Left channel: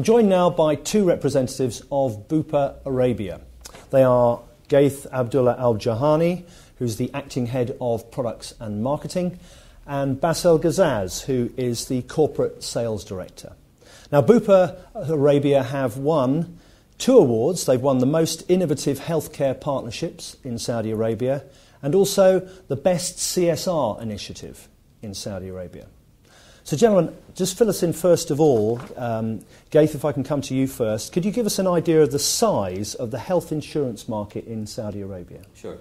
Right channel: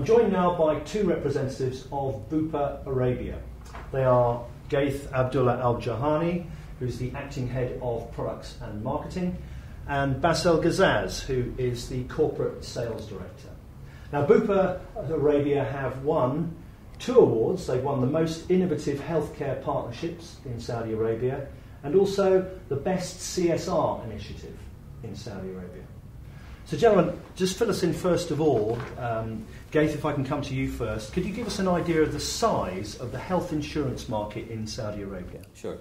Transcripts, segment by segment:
I'm joined now by two representatives of Bupa Arabia. They are Ghaith Abdulla Aljohani, who's the acting head of products and marketing, and Bassel Gazzaz, who is the corporate sales director. Now, Bupa Arabia have won 2 awards. They've won the most innovative healthcare partnerships in Saudi Arabia and also the best CSR initiative in Saudi Arabia. So, gentlemen, just fill us in first of all. Ghaith, if I can come to you first, could you give us an idea of the size of the health insurance market in Saudi Arabia? Sure.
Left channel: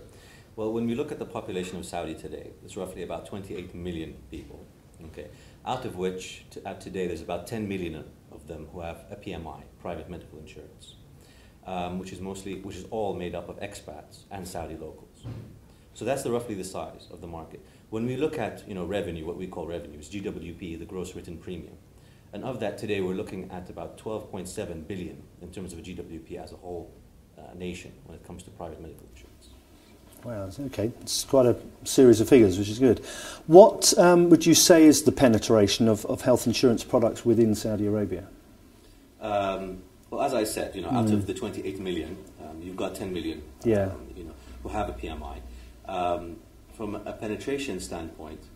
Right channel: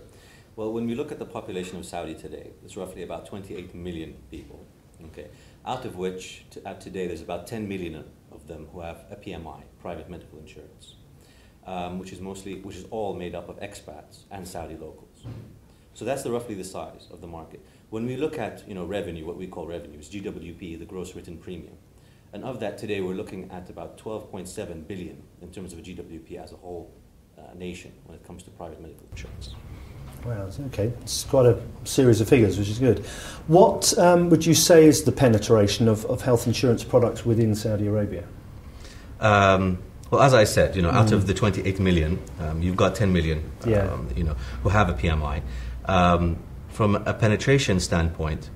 Well, when we look at the population of Saudi today, it's roughly about 28 million people. Okay, out of which today there's about 10 million of them who have a PMI, private medical insurance, which is all made up of expats and Saudi locals. So that's roughly the size of the market. When we look at revenue, what we call revenue is GWP, the gross written premium, and of that today we're looking at about 12.7 billion in terms of GWP as a whole nation when it comes to private medical insurance. Wow, okay. It's quite a series of figures, which is good. What would you say is the penetration of health insurance products within Saudi Arabia? Well, as I said, out of the 28 million, you've got 10 million, who have a PMI. From a penetration standpoint,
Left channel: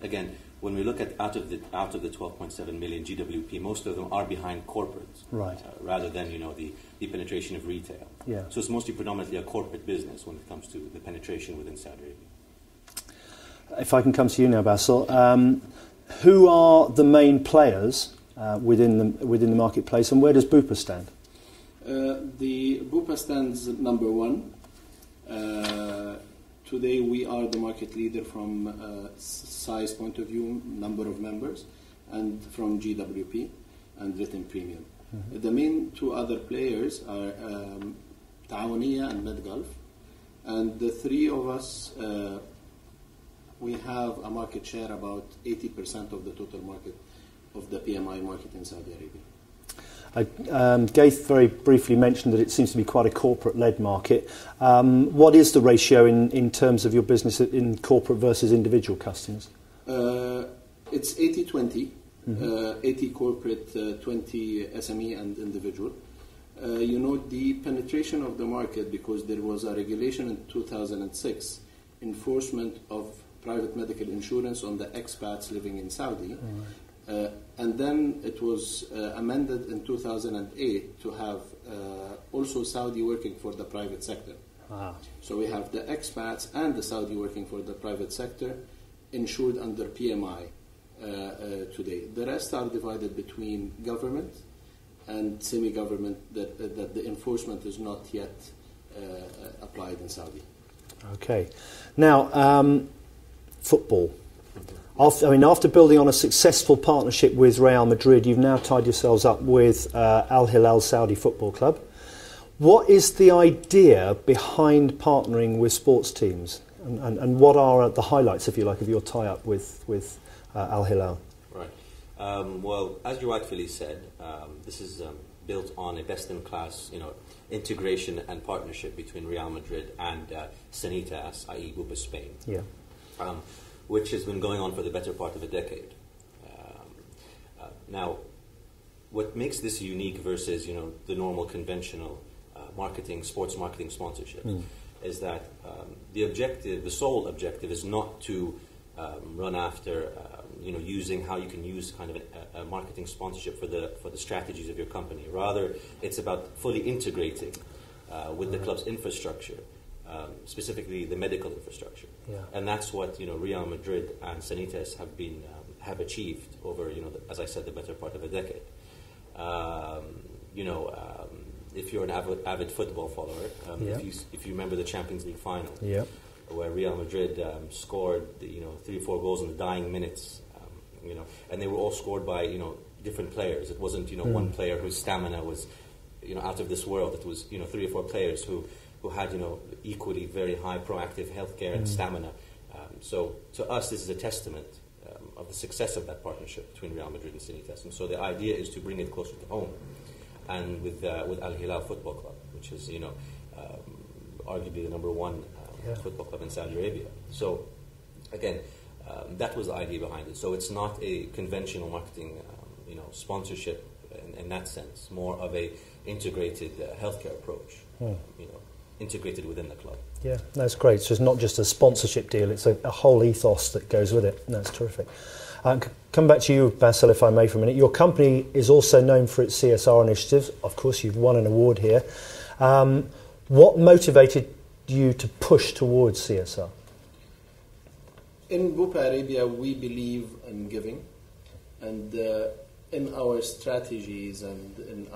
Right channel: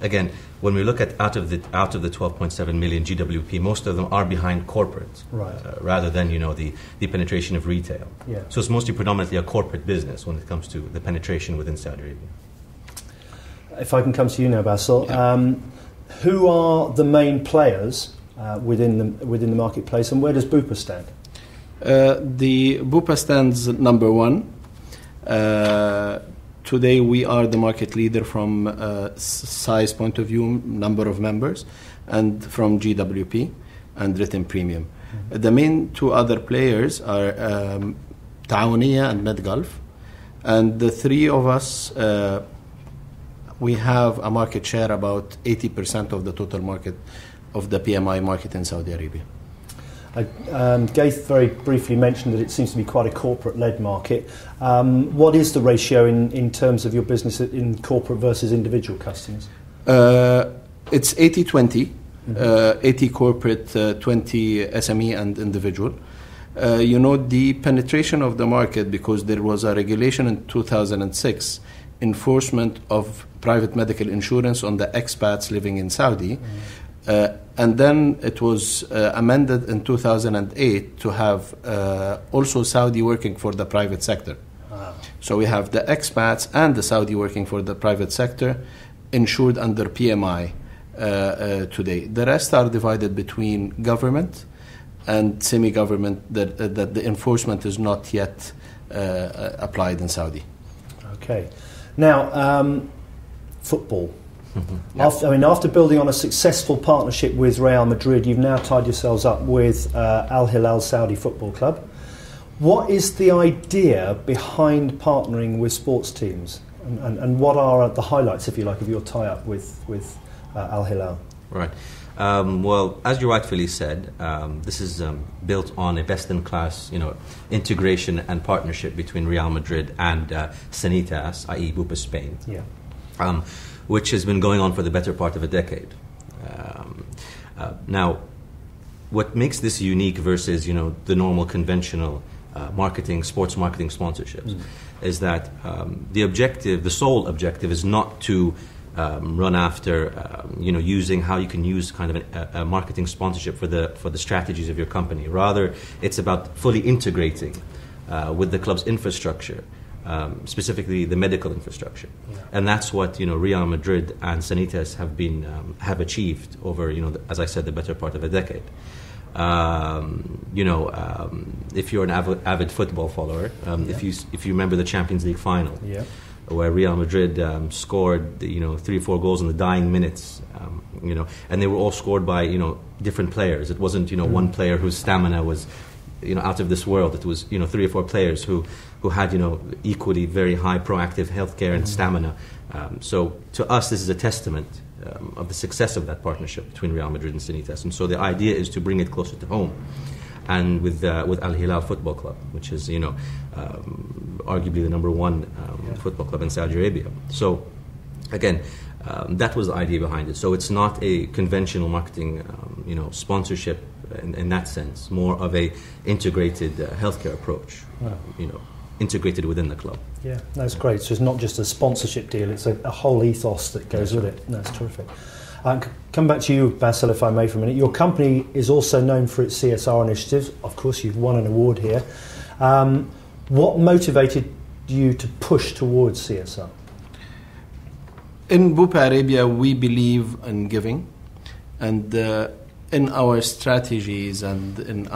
again, when we look at out of the 12.7 million GWP, most of them are behind corporates, right? Rather than the penetration of retail. Yeah. So it's mostly predominantly a corporate business when it comes to the penetration within Saudi Arabia. If I can come to you now, Bassel, who are the main players within the marketplace, and where does Bupa stand? The Bupa stands number 1. Today we are the market leader from size point of view, number of members, and from GWP and written premium. Mm-hmm. The main 2 other players are Johani and MedGulf, and the 3 of us, we have a market share about 80% of the total market of the PMI market in Saudi Arabia. Ghaith very briefly mentioned that it seems to be quite a corporate-led market. What is the ratio in terms of your business in corporate versus individual customers? It's 80-20, 80 corporate, 20 SME and individual. The penetration of the market, because there was a regulation in 2006, enforcement of private medical insurance on the expats living in Saudi. And then it was amended in 2008 to have also Saudi working for the private sector. So we have the expats and the Saudi working for the private sector insured under PMI today. The rest are divided between government and semi-government that the enforcement is not yet applied in Saudi. Okay. Now, football. Mm-hmm. Yep. After building on a successful partnership with Real Madrid, you've now tied yourselves up with Al Hilal Saudi Football Club. What is the idea behind partnering with sports teams, and what are the highlights, if you like, of your tie-up with Al Hilal? Right. Well, as you rightfully said, this is built on a best-in-class, integration and partnership between Real Madrid and Sanitas, i.e. Bupa Spain. Yeah. Which has been going on for the better part of a decade. Now, what makes this unique versus the normal conventional sports marketing sponsorships, is that the sole objective is not to run after using how you can use kind of a marketing sponsorship for the strategies of your company. Rather, it's about fully integrating with the club's infrastructure. Specifically the medical infrastructure, and that's what Real Madrid and Sanitas have achieved over as I said, the better part of a decade. If you're an avid football follower, if you remember the Champions League final, where Real Madrid scored 3 or 4 goals in the dying minutes, and they were all scored by different players. It wasn't one player whose stamina was out of this world. It was 3 or 4 players who had equally very high proactive healthcare and stamina. So to us, this is a testament of the success of that partnership between Real Madrid and Sanitas. And so the idea is to bring it closer to home, and with Al Hilal Football Club, which is arguably the number 1 football club in Saudi Arabia. So again, that was the idea behind it. So it's not a conventional marketing sponsorship in that sense, more of a integrated healthcare approach. Wow. Integrated within the club. Yeah, that's great. So it's not just a sponsorship deal; it's a whole ethos that goes with it. That's terrific. Come back to you, Bassel, if I may, for a minute. Your company is also known for its CSR initiatives. Of course, you've won an award here. What motivated you to push towards CSR? In Bupa Arabia, we believe in giving, and in our strategies and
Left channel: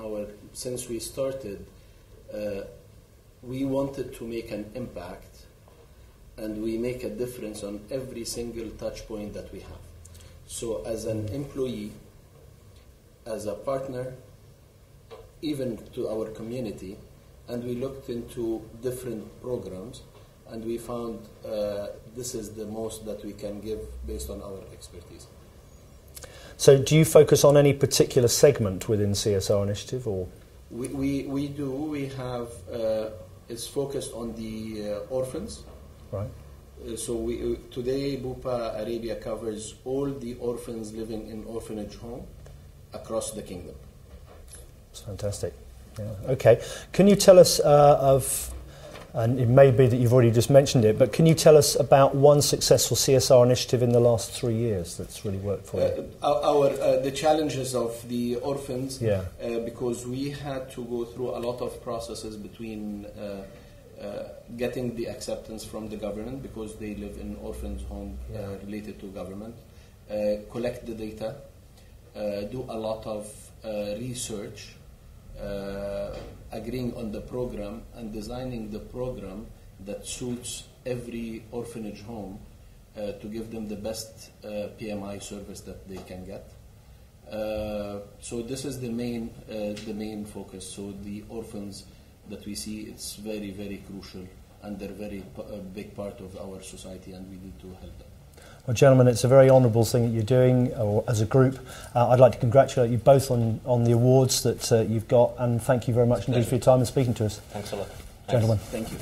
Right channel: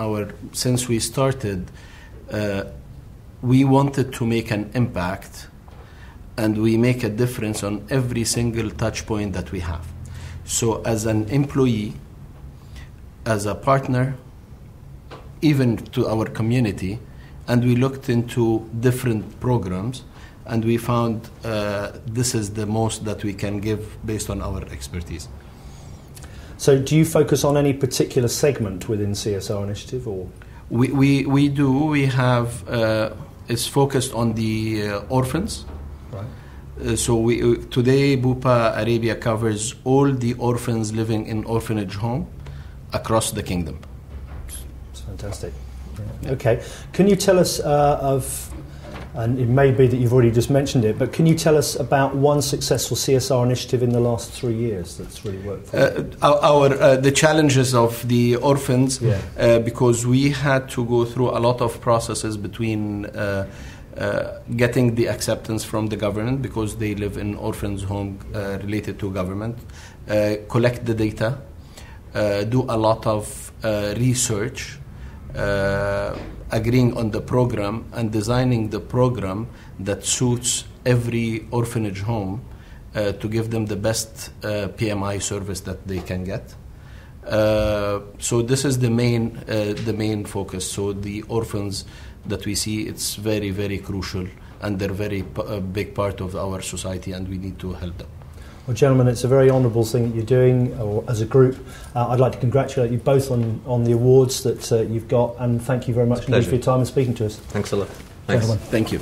since we started, we wanted to make an impact, and we make a difference on every single touch point that we have. So as an employee, as a partner, even to our community, and we looked into different programs, and we found this is the most that we can give based on our expertise. So do you focus on any particular segment within CSR initiative, or? We do. We have, it's focused on the orphans. Right. So today Bupa Arabia covers all the orphans living in orphanage home across the kingdom. It's fantastic. Yeah. Okay. Can you tell us and it may be that you've already just mentioned it, but can you tell us about one successful CSR initiative in the last 3 years that's really worked for you? The challenges of the orphans, yeah. Because we had to go through a lot of processes between getting the acceptance from the government, because they live in orphans' home related to government, collect the data, do a lot of research, agreeing on the program and designing the program that suits every orphanage home to give them the best PMI service that they can get. So this is the main focus. So the orphans that we see, it's very, very crucial, and they're very big part of our society, and we need to help them. Well, gentlemen, it's a very honourable thing that you're doing as a group. I'd like to congratulate you both on the awards that you've got, and thank you very much indeed for your time and speaking to us. Thanks a lot. Gentlemen. Thank you.